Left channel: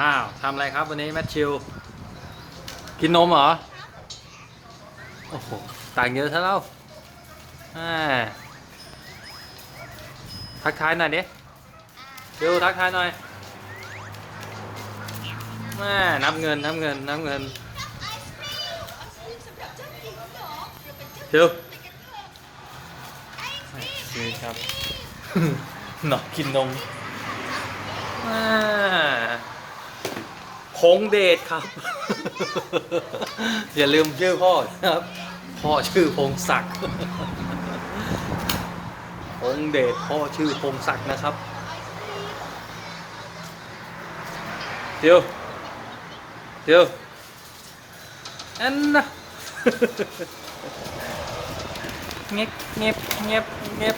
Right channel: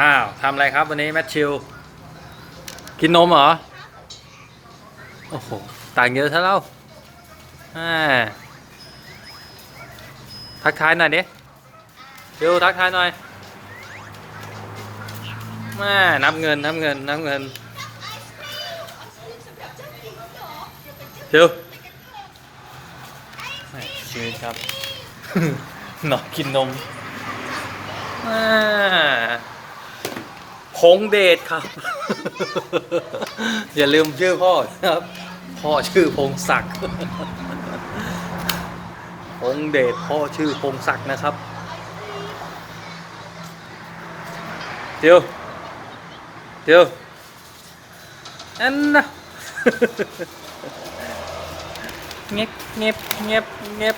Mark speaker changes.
Speaker 1: อ้าวทำอะไรครับวันนี้แมทชิว กินนมเหรอ โอ้โห ต่างเยอะซะแล้วอ่าทักทายหน่อยดิเดี๋ยวทักทายหน่อยแม่นับเงินนับเงินนับเงินเดี๋ยวแหม่ชีวิตครับ หนอนกินนมอ่า พงเดชครับ อย่าลืมชื่อพ่อนะครับ พ่อชื่อพงศักดิ์พงเดชพ่อชื่อพงศักดิ์นะครับเดี๋ยวเดี๋ยวอันนะเงียบเงียบเงียบเงียบ